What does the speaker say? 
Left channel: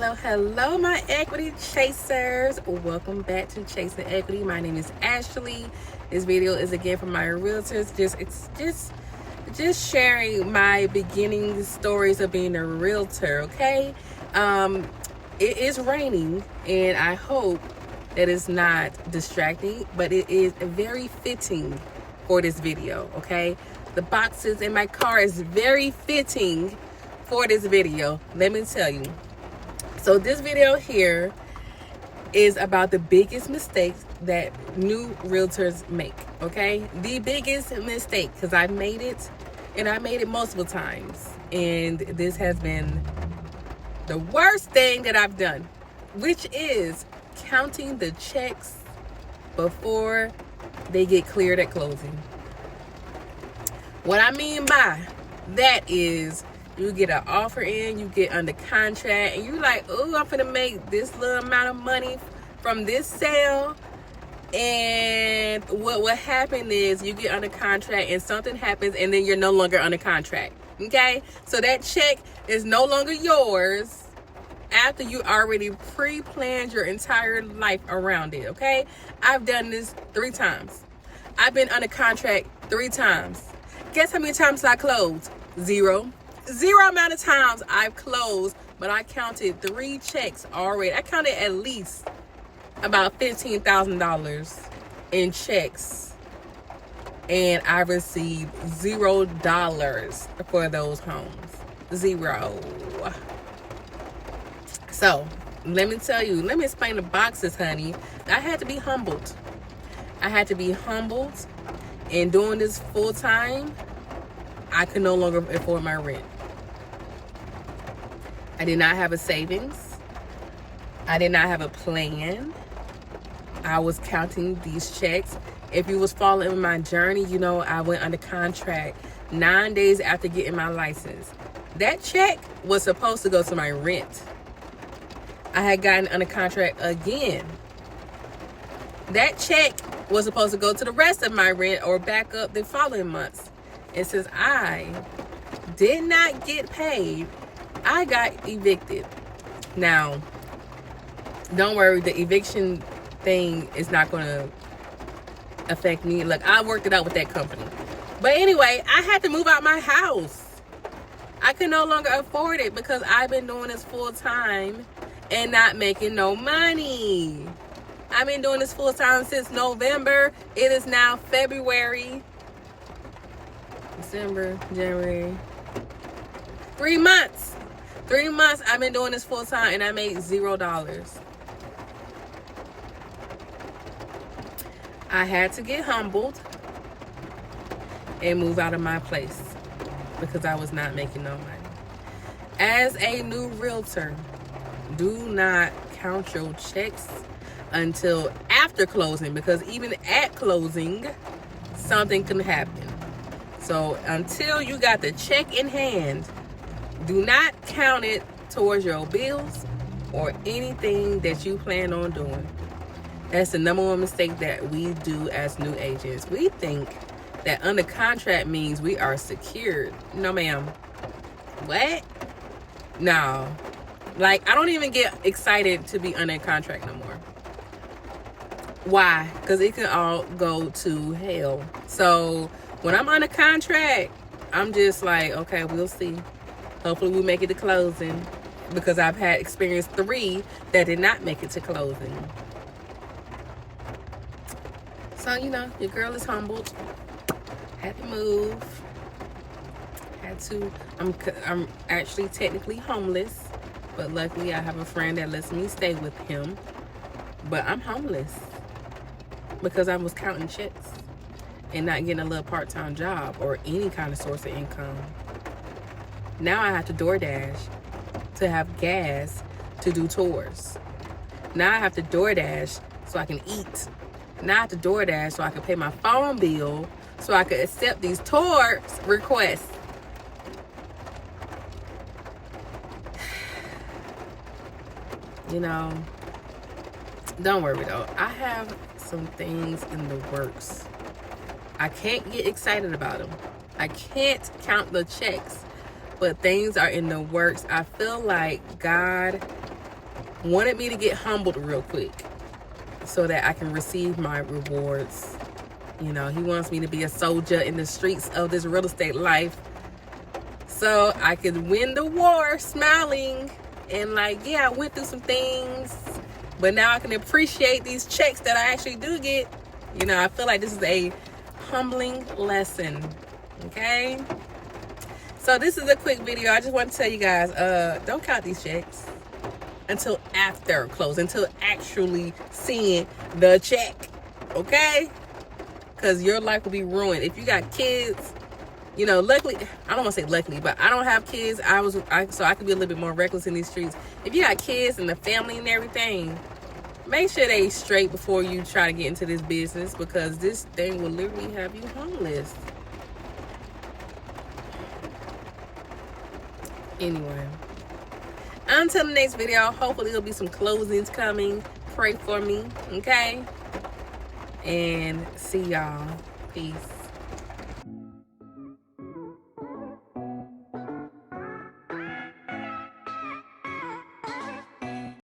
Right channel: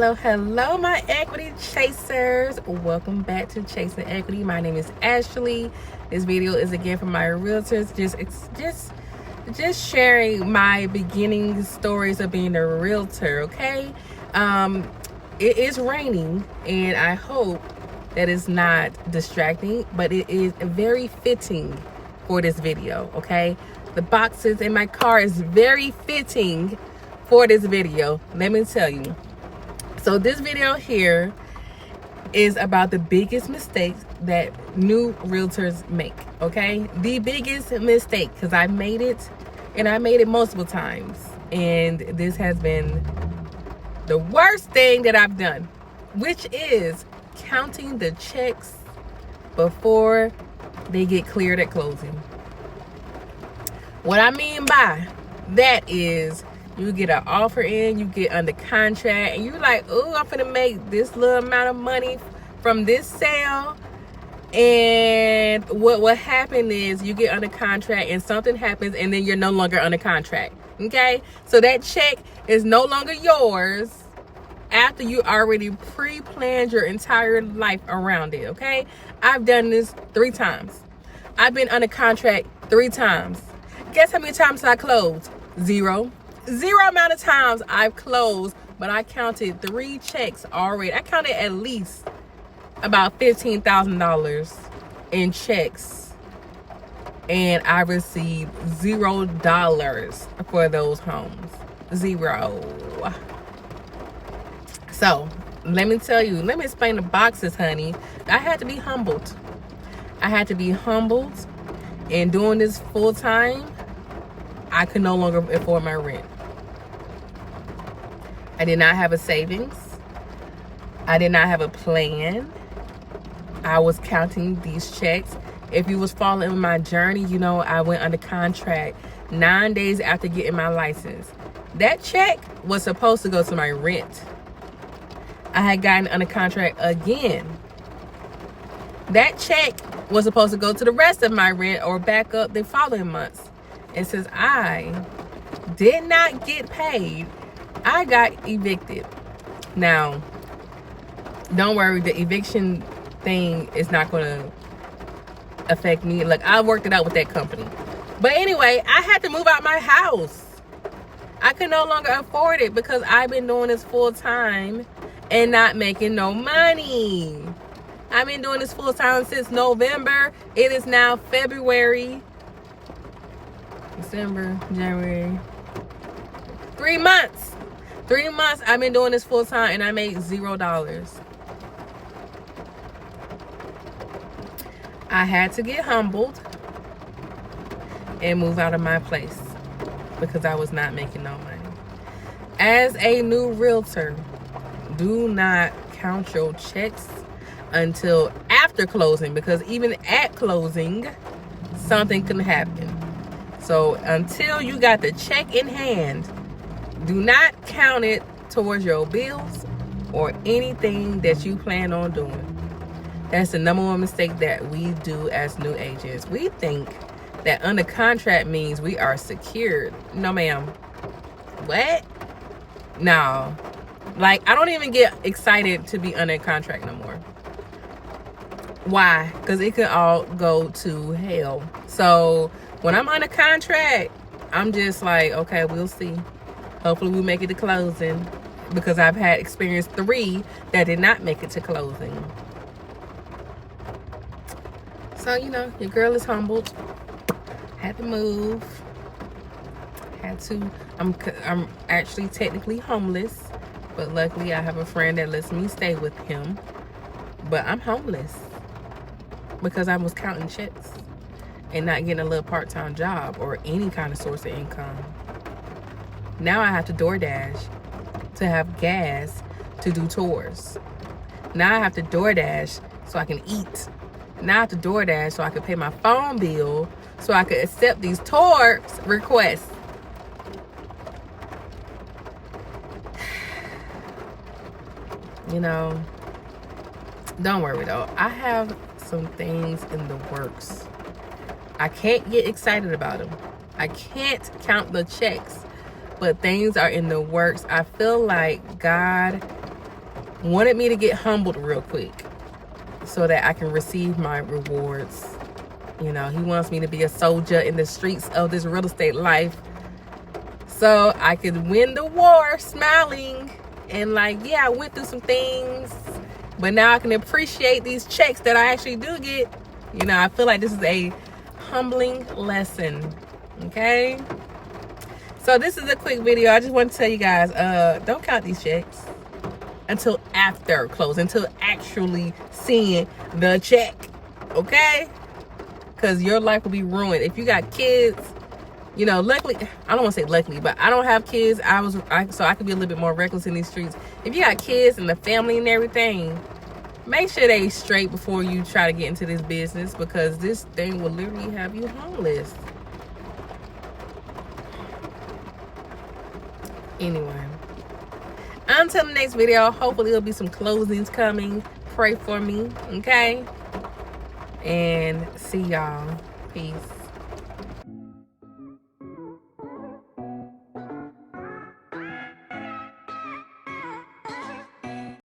Hello, my equity chasers. Welcome back to Chasing Equity. My name is Ashley. This video is again for my realtors. Just sharing my beginning stories of being a realtor. Okay, it is raining, and I hope that it's not distracting, but it is very fitting for this video. Okay, the boxes in my car is very fitting for this video. Let me tell you. So this video here is about the biggest mistakes that new realtors make, okay? The biggest mistake, because I made it, and I made it multiple times. And this has been the worst thing that I've done, which is counting the checks before they get cleared at closing. What I mean by that is, you get an offer in, you get under contract, and you like, oh, I'm gonna make this little amount of money from this sale. And what happened is you get under contract and something happens, and then you're no longer under contract. Okay, so that check is no longer yours after you already pre-planned your entire life around it. Okay, I've done this 3 times. I've been under contract 3 times. Guess how many times I closed? 0 amount of times I've closed, but I counted 3 checks already. I counted at least about $15,000 in checks, and I received $0 for those homes. 0. So let me tell you, let me explain the boxes, honey. I had to be humbled. And doing this full time, I could no longer afford my rent. I did not have a savings. I did not have a plan. I was counting these checks. If you was following my journey, you know I went under contract 9 days after getting my license. That check was supposed to go to my rent. I had gotten under contract again. That check was supposed to go to the rest of my rent or back up the following months. And since I did not get paid, I got evicted. Now, don't worry, the eviction thing is not going to affect me. Like, I worked it out with that company. But anyway, I had to move out my house. I could no longer afford it because I've been doing this full time and not making no money. I've been doing this full time since November. It is now February. December, January. 3 months. 3 months I've been doing this full time and I made $0. I had to get humbled and move out of my place because I was not making no money. As a new realtor, do not count your checks until after closing, because even at closing, something can happen. So until you got the check in hand, do not count it towards your bills or anything that you plan on doing. That's the #1 mistake that we do as new agents. We think that under contract means we are secured. No, ma'am. What? No. Like, I don't even get excited to be under contract no more. Why? Because it can all go to hell. So when I'm under contract, I'm just like, okay, we'll see. Hopefully we make it to closing, because I've had experience 3 that did not make it to closing. So, you know, your girl is humbled. Had to move. I'm actually technically homeless, but luckily I have a friend that lets me stay with him. But I'm homeless because I was counting checks and not getting a little part-time job or any kind of source of income. Now I have to DoorDash to have gas to do tours. Now I have to DoorDash so I can eat. Now I have to DoorDash so I can pay my phone bill, so I could accept these tour requests. You know, don't worry though. I have some things in the works. I can't get excited about them. I can't count the checks, but things are in the works. I feel like God wanted me to get humbled real quick so that I can receive my rewards. You know, he wants me to be a soldier in the streets of this real estate life so I can win the war smiling and like, yeah, I went through some things, but now I can appreciate these checks that I actually do get. You know, I feel like this is a humbling lesson, okay? So this is a quick video. I just want to tell you guys, don't count these checks until after close, until actually seeing the check, okay? Because your life will be ruined. If you got kids, you know, luckily, I don't want to say luckily, but I don't have kids. So I can be a little bit more reckless in these streets. If you got kids and the family and everything, make sure they straight before you try to get into this business, because this thing will literally have you homeless. Anyway, until the next video, hopefully there'll be some closings coming. Pray for me, okay? And see y'all. Peace.